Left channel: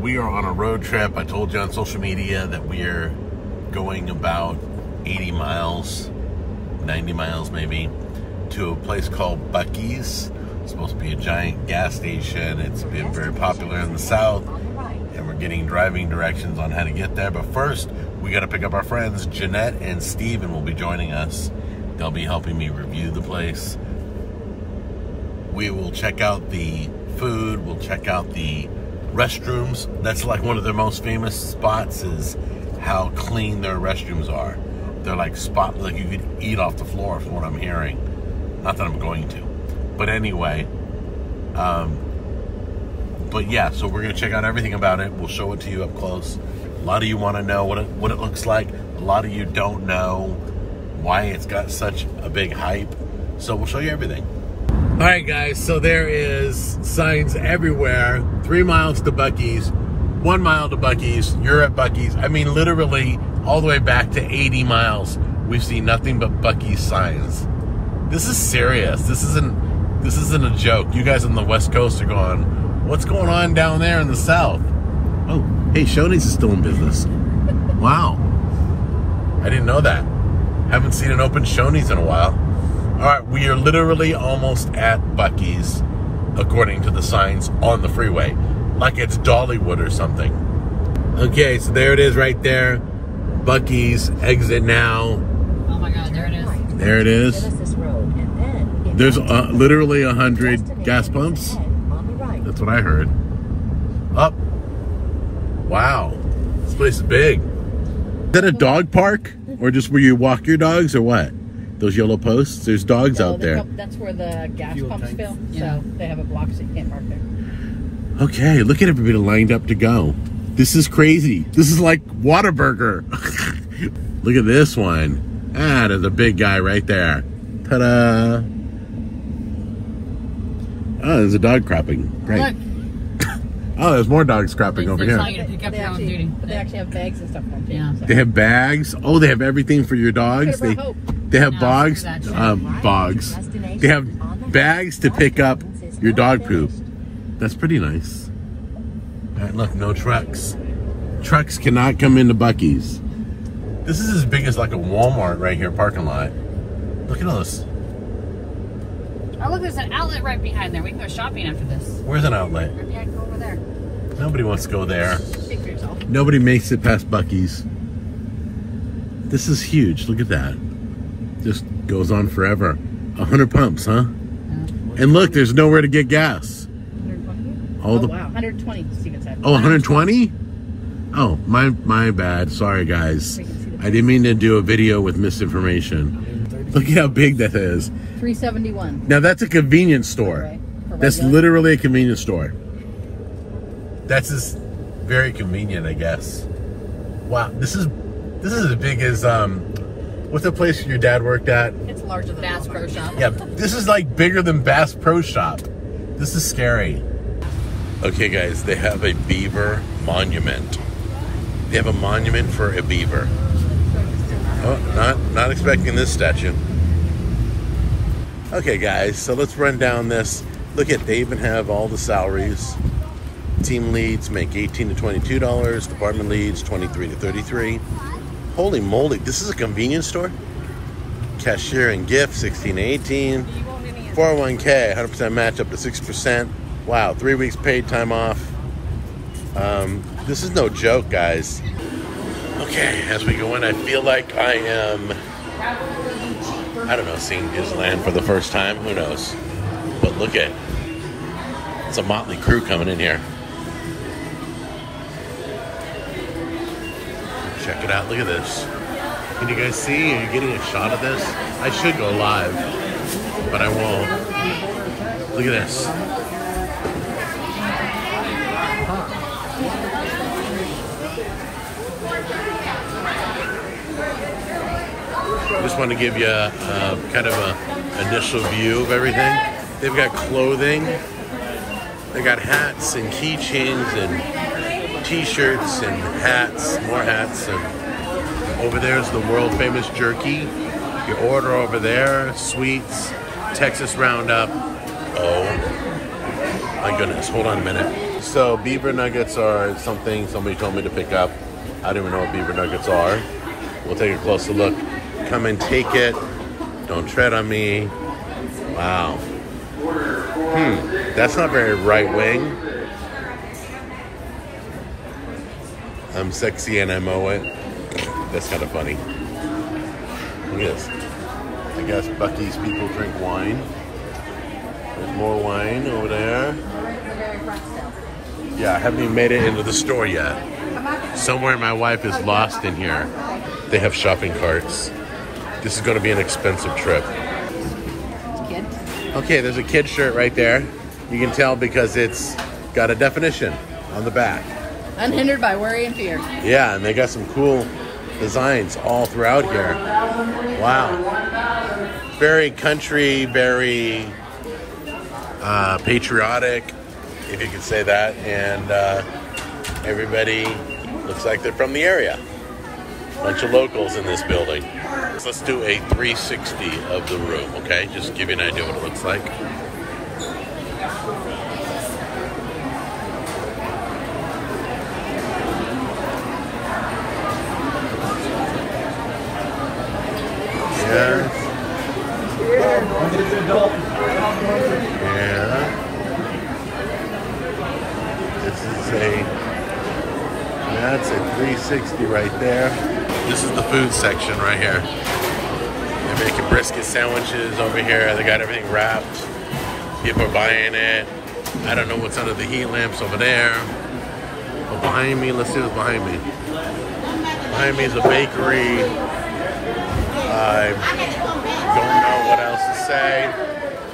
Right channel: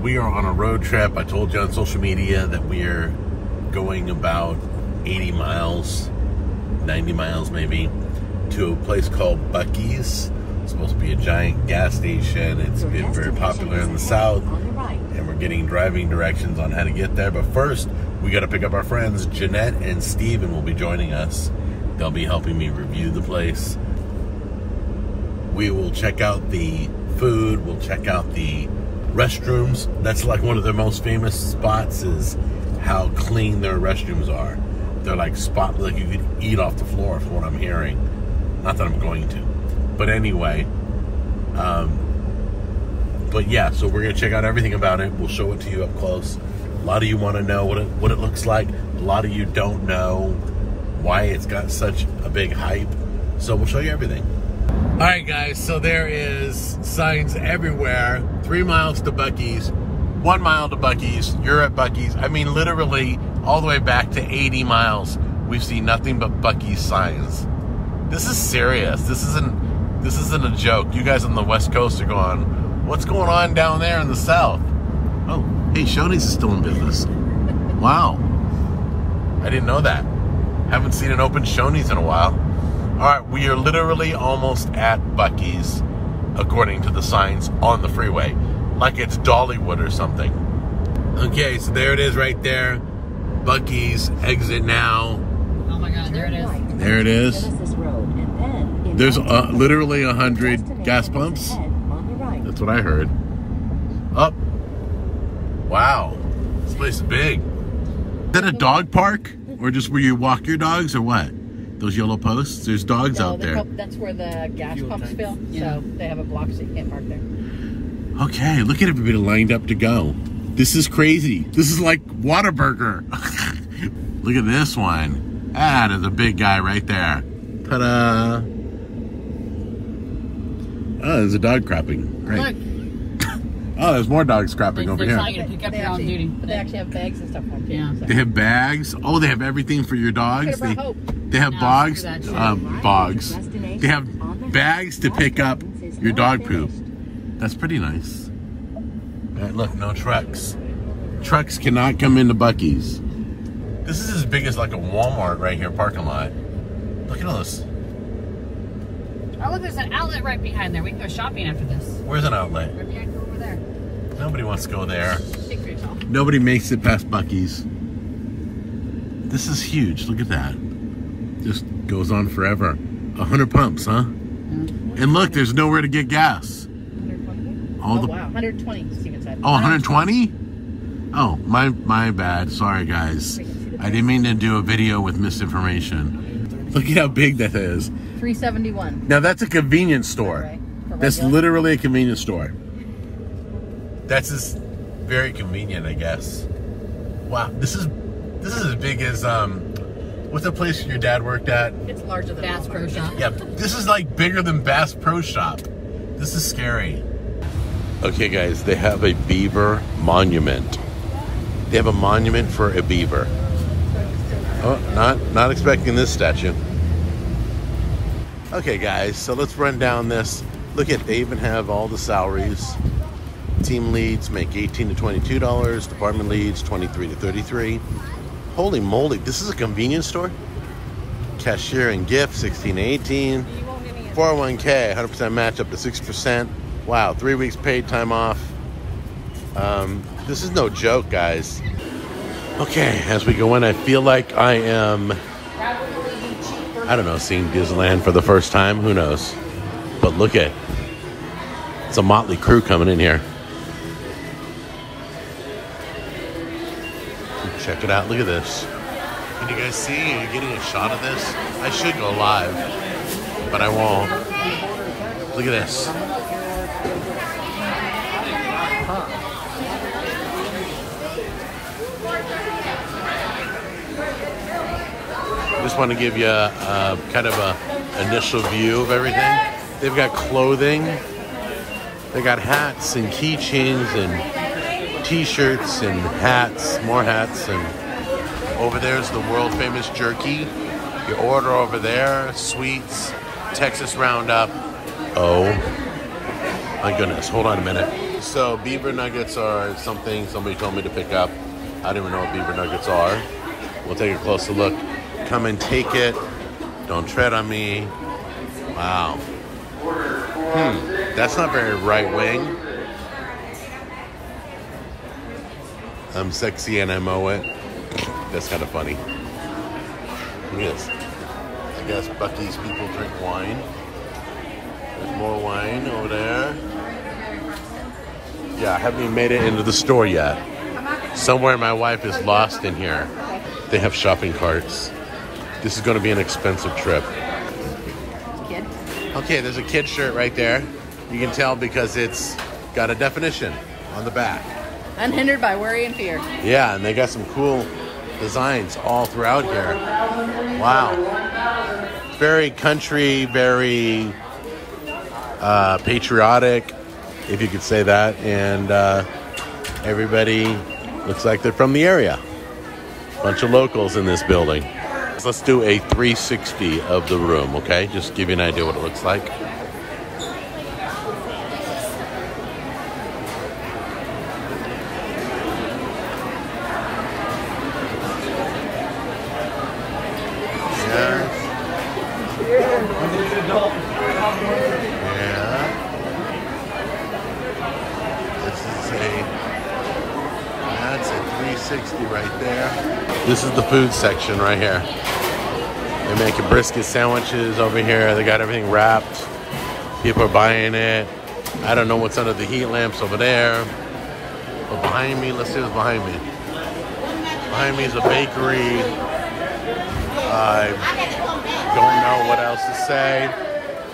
we are on a road trip. I told you on social media that we are going about 80 miles, 90 miles maybe, to a place called Buc-Ee'S. It's supposed to be a giant gas station. It's been very popular in the South, and we're getting driving directions on how to get there. But first, we got to pick up our friends. Jeanette and Steven will be joining us. They'll be helping me review the place. We will check out the food. We'll check out the restrooms. That's like one of their most famous spots, is how clean their restrooms are. They're like spotless, like you could eat off the floor from what I'm hearing. Not that I'm going to. But anyway, but yeah, so we're gonna check out everything about it. We'll show it to you up close. A lot of you want to know what it looks like. A lot of you don't know why it's got such a big hype. So we'll show you everything. All right, guys, so there is signs everywhere. 3 miles to Buc-Ee'S, 1 mile to Buc-Ee'S, you're at Buc-Ee'S. I mean, literally all the way back to 80 miles, we've seen nothing but Buc-Ee'S signs. This is serious. This isn't a joke. You guys on the West Coast are going, what's going on down there in the South? Oh, hey, Shoney's is still in business. Wow. I didn't know that. Haven't seen an open Shoney's in a while. All right, we are literally almost at Buc-Ee'S, according to the signs on the freeway, like it's Dollywood or something. Okay, so there it is right there. Buc-Ee'S, exit now. Oh my God, there it is. There it is. There's literally 100 gas pumps. That's what I heard. Oh, wow, this place is big. Is that a dog park, or just where you walk your dogs, or what? Those yellow posts, there's dogs out there. That's where the gas pumps fill, so they have a block so you can't park there. Okay, look at everybody lined up to go. This is crazy. This is like Whataburger. Look at this one. Ah, there's a big guy right there. Ta-da! Oh, there's a dog crapping. Great. Look. Oh, there's more dogs crapping over here. Pick up your own duty. But they actually have bags and stuff for them too. Yeah. So. They have bags. Oh, they have everything for your dogs. They have bogs. Bogs. They have bags to pick up your dog poop. That's pretty nice. Look, no trucks. Trucks cannot come into Buc-Ee'S. This is as big as like a Walmart right here parking lot. Look at all this. Oh, look, there's an outlet right behind there. We can go shopping after this. Where's an outlet? Maybe I can go over there. Nobody wants to go there. Speak for yourself. Nobody makes it past Buc-Ee'S. This is huge. Look at that. Just goes on forever. 100 pumps, huh? And look, there's nowhere to get gas. 120? Wow, 120, Steven said. Oh, 120? Oh, my bad. Sorry, guys. I didn't mean to do a video with misinformation. Look at how big that is. 371. Now that's a convenience store. Right. That's literally a convenience store. That's just very convenient, I guess. Wow, this is as big as what's the place your dad worked at? It's larger than Bass Pro Shop. Yeah, this is like bigger than Bass Pro Shop. This is scary. Okay, guys, they have a beaver monument. They have a monument for a beaver. Oh, not expecting this statue. Okay, guys, so let's run down this. Look at, they even have all the salaries. Team leads make $18 to $22. Department leads $23 to $33. Holy moly, this is a convenience store? Cashier and gift, 16 to 18. 401k, 100% match up to 6%. Wow, 3 weeks paid time off. This is no joke, guys. Okay, as we go in, I feel like I am, I don't know, seeing Disneyland for the first time. Who knows? But look at, it's a motley crew coming in here. Check it out. Look at this. Can you guys see? Are you getting a shot of this? I should go live, but I won't. Look at this. I just want to give you a kind of a initial view of everything. They've got clothing. They got hats and keychains and t-shirts and hats, more hats. And over there is the world famous jerky. You order over there, sweets, Texas Roundup. Oh my goodness, hold on a minute. So beaver nuggets are something somebody told me to pick up. I don't even know what beaver nuggets are. We'll take a closer look. Come and take it. Don't tread on me. Wow. That's not very right wing. I'm sexy and I mow it. That's kind of funny. Look at this. I guess Buc-Ee'S people drink wine. There's more wine over there. Yeah, I haven't even made it into the store yet. Somewhere my wife is lost in here. They have shopping carts. This is going to be an expensive trip. Kid. Okay, there's a kid shirt right there. You can tell because it's got a definition on the back. Unhindered by worry and fear. Yeah, and they got some cool designs all throughout here. Wow. Very country, very patriotic, if you could say that. And everybody looks like they're from the area. Bunch of locals in this building. So let's do a 360 of the room, okay? Just give you an idea what it looks like. That's a 360 right there. This is the food section right here. They're making brisket sandwiches over here. They got everything wrapped. People are buying it. I don't know what's under the heat lamps over there. But behind me, let's see what's behind me. Behind me is a bakery. I don't know what else to say.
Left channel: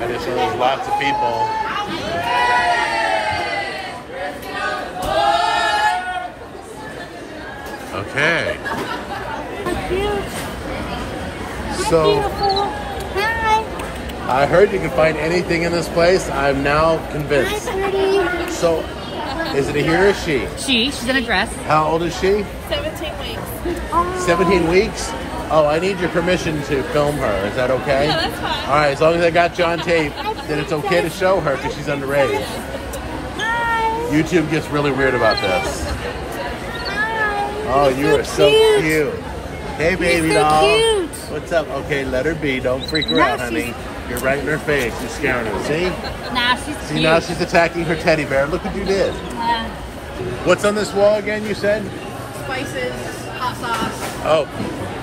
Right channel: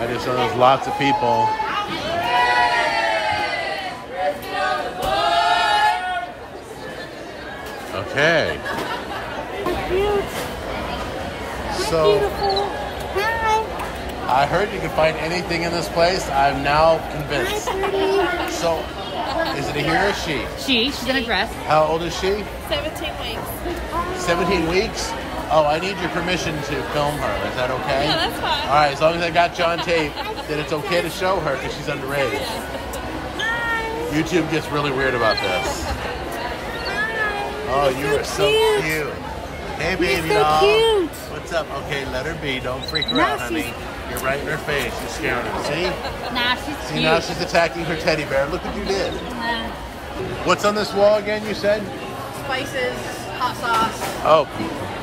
I just know there's lots of people. Okay. So, I heard you can find anything in this place. I'm now convinced. So, is it a he or a she? She's in a dress. How old is she? 17 weeks. 17 weeks? Oh, I need your permission to film her. Is that okay? Yeah, that's fine. All right, as long as I got you on tape, then it's okay to show her because she's underage. Hi. YouTube gets really weird about this. Oh, you are so cute. Hey, baby doll. What's up? Okay, let her be. Don't freak her out, honey. You're right in her face. You're scaring her. See? Nah, she's See, cute. now she's attacking her teddy bear. Look what you did. What's on this wall again, you said? Spices, hot sauce. Oh,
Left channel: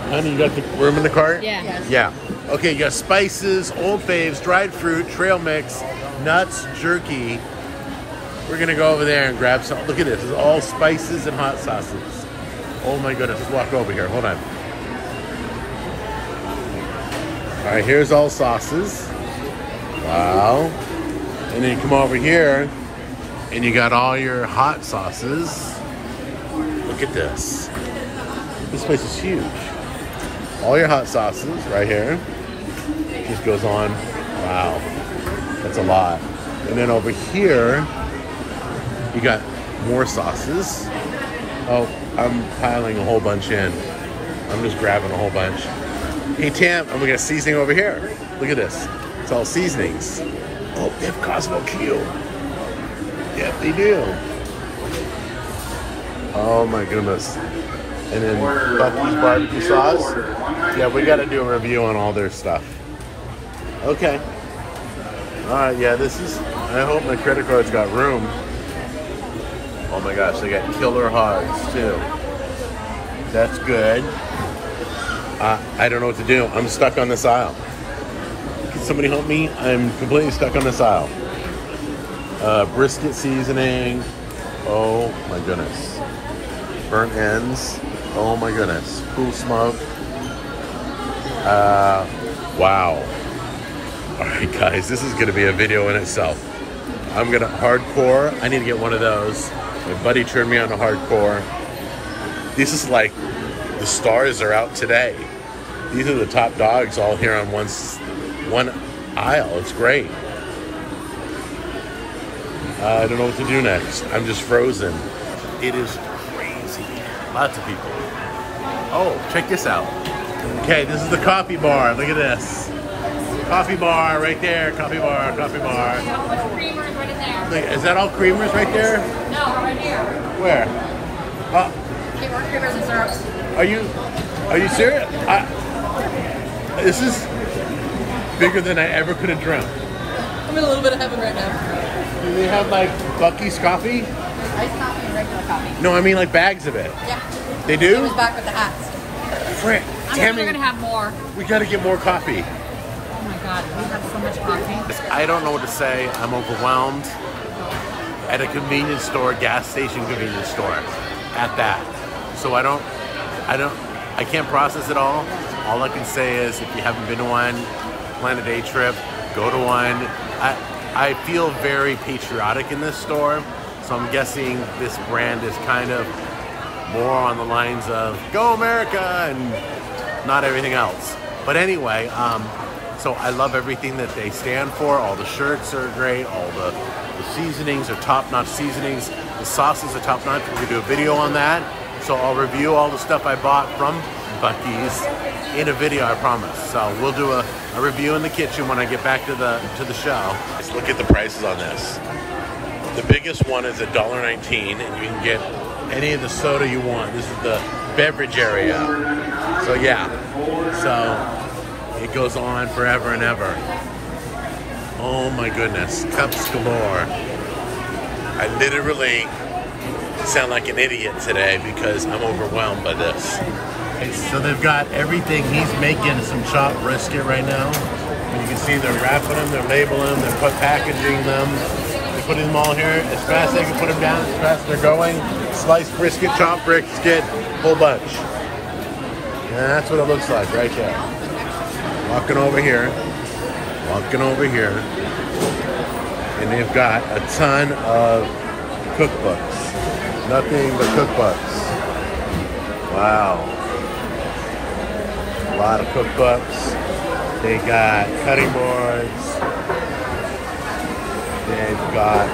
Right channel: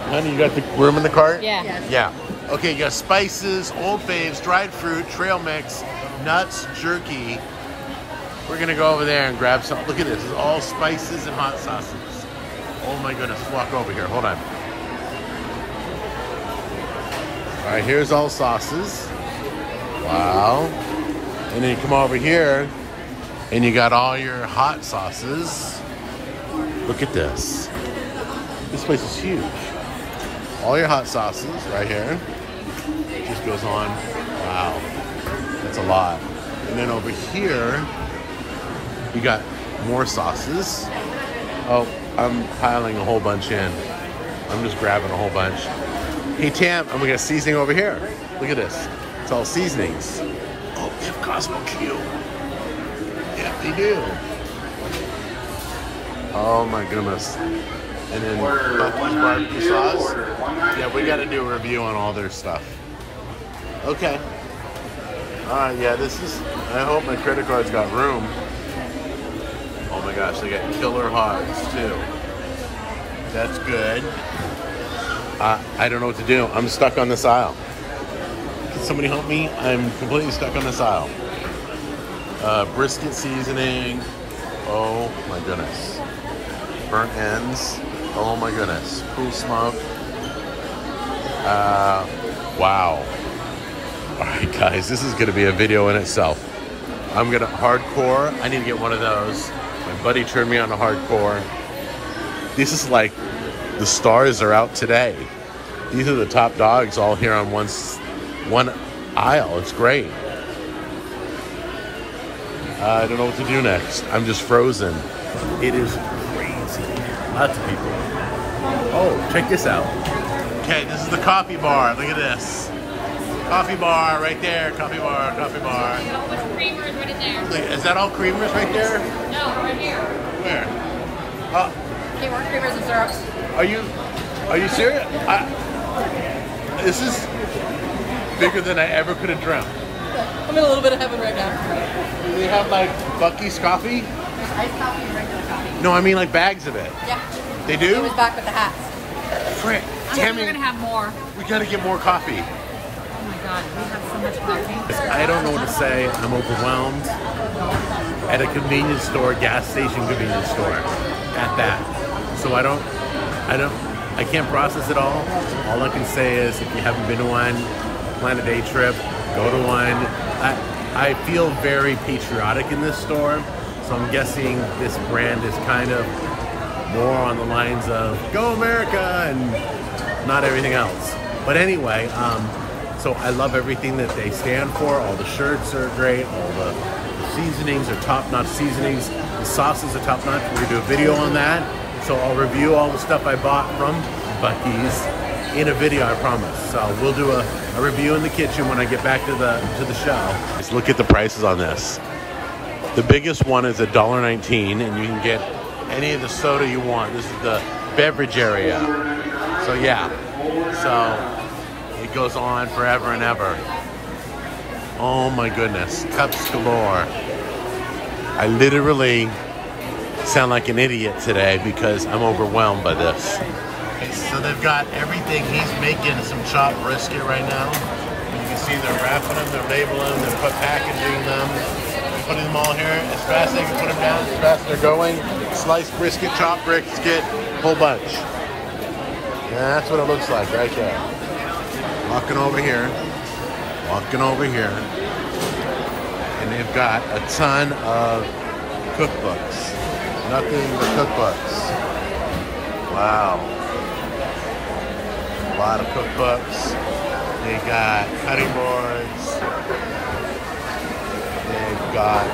honey, you got the room in the cart? Yeah. Yeah. Okay, you got spices, Old Faves, dried fruit, trail mix, nuts, jerky. We're going to go over there and grab some. Look at this. It's all spices and hot sauces. Oh my goodness, let's walk over here. Hold on. All right, here's all sauces. Wow. And then you come over here and you got all your hot sauces. Look at this. This place is huge. All your hot sauces right here. Just goes on. Wow. That's a lot. And then over here, you got more sauces. Oh, I'm piling a whole bunch in. I'm just grabbing a whole bunch. Hey, Tam, and we got seasoning over here. Look at this. It's all seasonings. Oh, they have Cosmo Q. Yeah, they do. Oh my goodness. And then Buc-Ee'S barbecue sauce. Yeah, we got to do a review on all their stuff. Okay. All right, yeah, this is, I hope my credit card's got room. Oh my gosh, they got killer hogs too. That's good. I don't know what to do. I'm stuck on this aisle. Can somebody help me? I'm completely stuck on this aisle. Brisket seasoning. Oh my goodness. Burnt ends. Oh my goodness. Cool smoke. Wow. All right, guys, this is going to be a video in itself. I'm going to hardcore. I need to get one of those. My buddy turned me on to hardcore. This is like the stars are out today. These are the top dogs all here on one aisle. It's great. I don't know what to do next. I'm just frozen. It is crazy. Lots of people. Oh, check this out. Okay, this is the coffee bar. Look at this. Coffee bar right there. Coffee bar, coffee bar. How much creamer is right in there? Is that all creamers right there? No, right here. Where? Okay, more creamers and syrups. Are you serious? This is bigger than I ever could have dreamt. I'm in a little bit of heaven right now. Do they have like Buc-Ee'S coffee? Iced coffee and regular coffee. No, I mean like bags of it. Yeah. They It do? was back with the hats. Frick, Tammy, We're gonna have more. we gotta get more coffee. Oh my god, we have so much coffee. I don't know what to say. I'm overwhelmed. At a convenience store, gas station convenience store, at that. So I can't process it all. All I can say is if you haven't been to one, plan a day trip, go to one. I feel very patriotic in this store. So I'm guessing this brand is kind of more on the lines of Go America and not everything else. But anyway, so I love everything that they stand for. All the shirts are great. All the seasonings are top-notch seasonings. The sauces are top-notch. We're gonna do a video on that. So I'll review all the stuff I bought from Buc-Ee'S in a video, I promise. So we'll do a review in the kitchen when I get back to the show. Let's look at the prices on this. The biggest one is $1.19, and you can get any of the soda you want. This is the beverage area. So yeah, so it goes on forever and ever. Oh my goodness, cups galore. I literally sound like an idiot today because I'm overwhelmed by this. So they've got everything. He's making some chopped brisket right now. You can see they're wrapping them, they're labeling them, they're packaging them. They're putting them all here. As fast as they can put them down, as fast as they're going. Sliced brisket, chopped brisket, whole bunch. And that's what it looks like right there. Walking over here. And they've got a ton of cookbooks. Nothing but cookbooks. Wow. A lot of cookbooks. They got cutting boards. They've got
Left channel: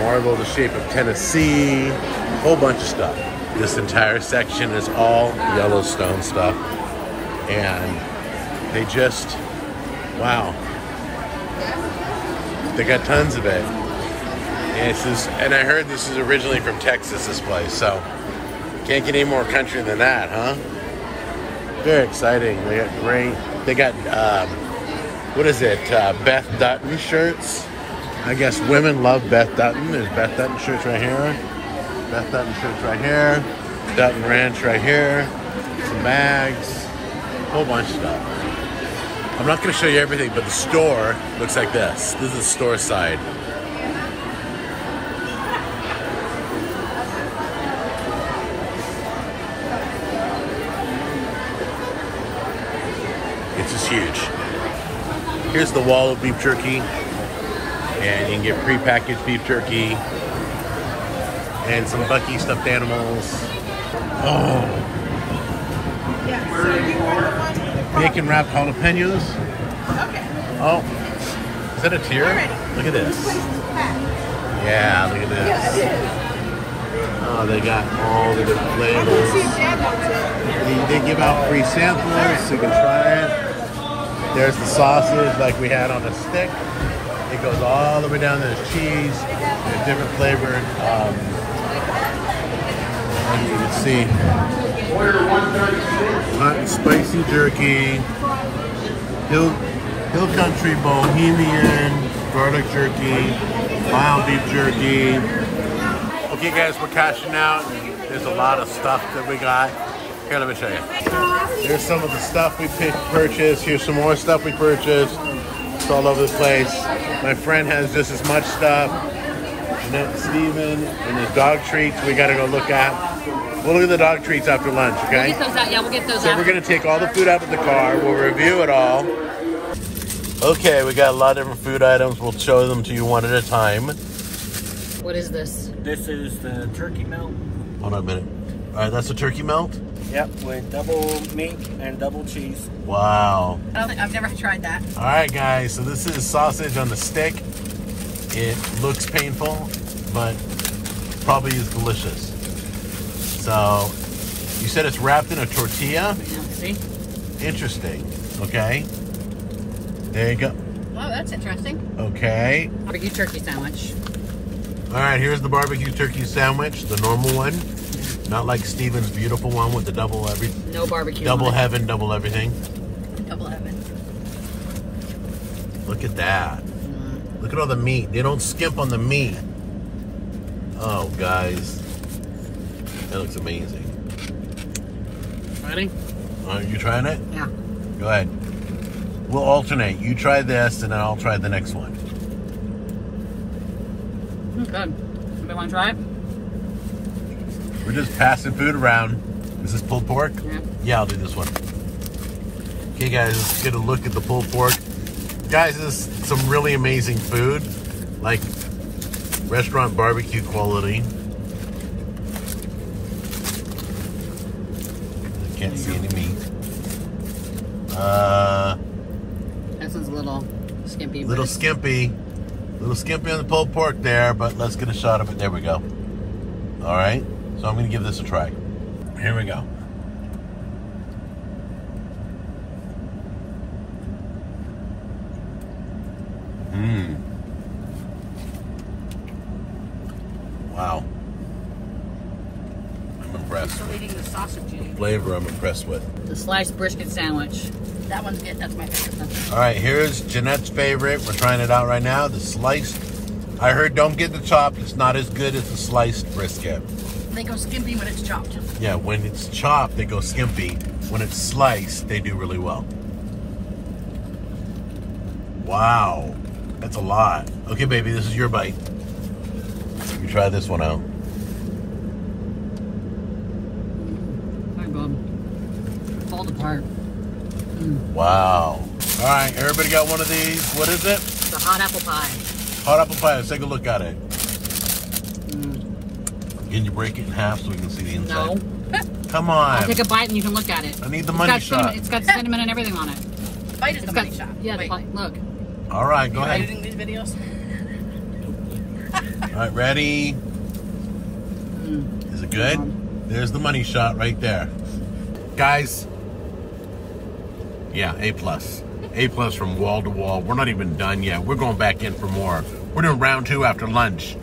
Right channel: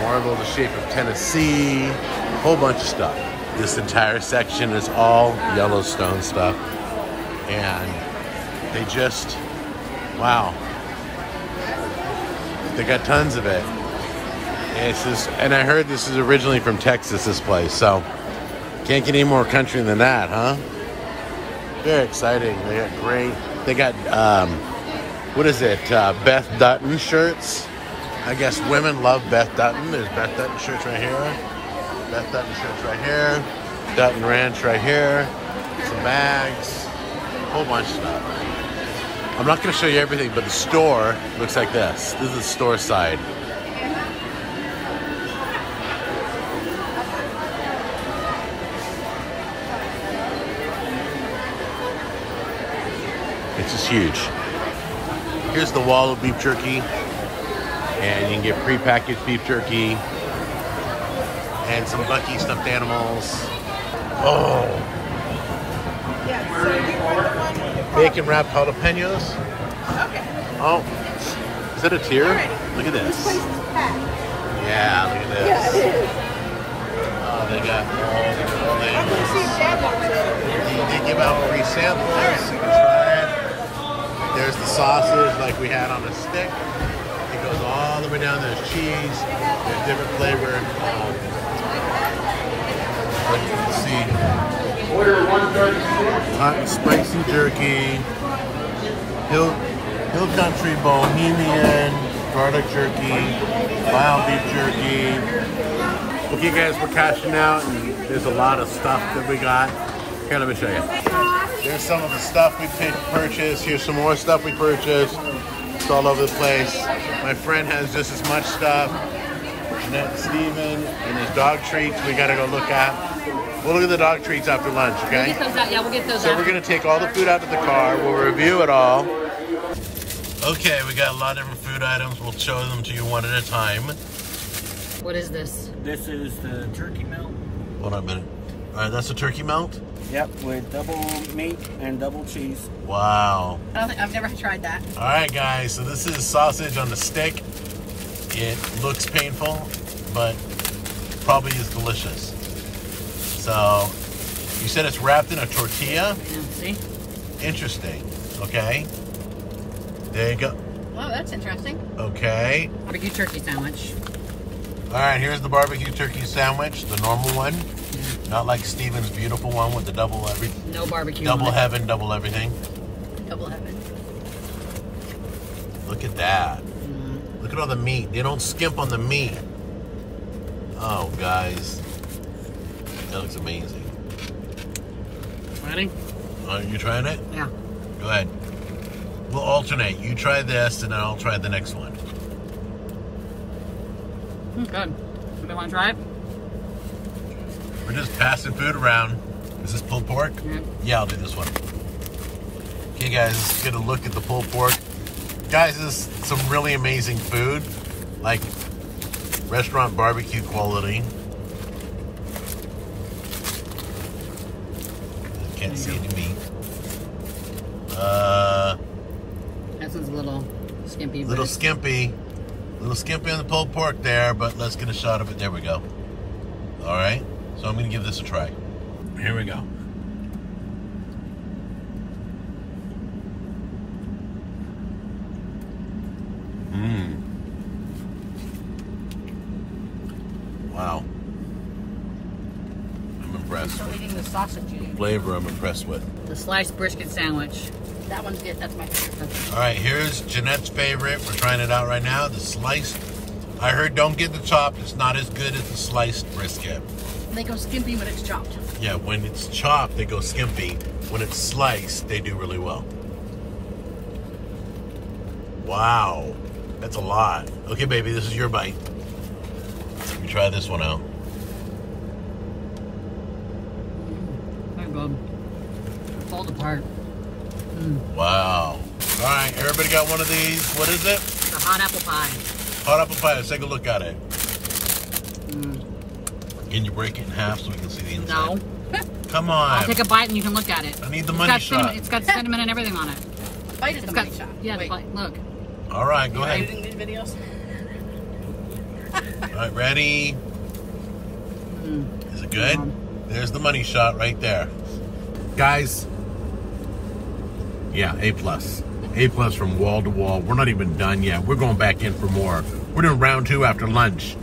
Marble the Shape of Tennessee. A whole bunch of stuff. This entire section is all Yellowstone stuff. And they just, wow. They got tons of it. And I heard this is originally from Texas, this place, so can't get any more country than that, huh? Very exciting. They got great, they got, what is it, Beth Dutton shirts. I guess women love Beth Dutton. There's Beth Dutton shirts right here. Beth Dutton shirts right here. Dutton Ranch right here. Some bags. A whole bunch of stuff. I'm not going to show you everything, but the store looks like this. This is the store side. It's just huge. Here's the wall of beef jerky. And you can get prepackaged beef jerky. And some Buc-Ee'S stuffed animals. Oh. Bacon wrapped jalapenos. Okay. Oh, is that a tier? Look at this. Yeah, look at this. Oh, they got all the different flavors. They give out free samples so you can try it. There's the sausage like we had on a stick. It goes all the way down. There's cheese. There's different flavored. As you can see, hot and spicy jerky, Hill Country Bohemian, garlic jerky, mild beef jerky. Okay guys, we're cashing out and there's a lot of stuff that we got. Here, let me show you. There's some of the stuff we purchased. Here's some more stuff we purchased. It's all over the place. My friend has just as much stuff. Steven, and there's dog treats we gotta go look at. We'll look at the dog treats after lunch, okay? Yeah, we'll get those So we're gonna take all the food out of the car. We'll review it all. Okay, we got a lot of different food items. We'll show them to you one at a time. What is this? This is the turkey melt. Hold on a minute. All right, that's the turkey melt? Yep, with double meat and double cheese. Wow. I've never tried that. All right, guys, so this is sausage on the stick. It looks painful, but probably is delicious. So, you said it's wrapped in a tortilla? Yeah, see? Interesting, okay. There you go. Oh, that's interesting. Okay. Barbecue turkey sandwich. All right, here's the barbecue turkey sandwich, the normal one. Not like Steven's beautiful one with the double No barbecue. double heaven, double everything. Double heaven. Look at that. Look at all the meat. They don't skimp on the meat. Oh, guys. That looks amazing. Ready? Are you trying it? Yeah. Go ahead. We'll alternate. You try this, and then I'll try the next one. Good. Anybody want to try it? We're just passing food around. Is this pulled pork? Yeah. Yeah, I'll do this one. Okay, guys, let's get a look at the pulled pork. Guys, this is some really amazing food, like restaurant barbecue quality. I can't see any meat. This one's a little skimpy. Little skimpy on the pulled pork there, but let's get a shot of it. There we go. All right, so I'm gonna give this a try. Here we go. Wow. I'm impressed I'm with eating the sausage. the flavor. I'm impressed with. The sliced brisket sandwich. That one's good. That's my favorite. All right, here's Jeanette's favorite. We're trying it out right now. The sliced. I heard don't get the chopped. It's not as good as the sliced brisket. They go skimpy when it's chopped. Yeah, when it's chopped, they go skimpy. When it's sliced, they do really well. Wow, that's a lot. Okay, baby, this is your bite. You try this one out. Very good. Falls apart. Wow. All right, everybody got one of these. What is it? The hot apple pie. Hot apple pie. Let's take a look at it. Can you break it in half so we can see the inside? No. Come on. I'll take a bite and you can look at it. I need the It's money got shot. cinnamon, it's got cinnamon and everything on it. Bite is It's a got, nice shot. yeah, the Wait. bite. Look. All right, go Are you ahead. editing these videos? All right, ready? Is it good? There's the money shot right there. Guys, yeah, A+. A+ from wall to wall. We're not even done yet. We're going back in for more. We're doing round 2 after lunch.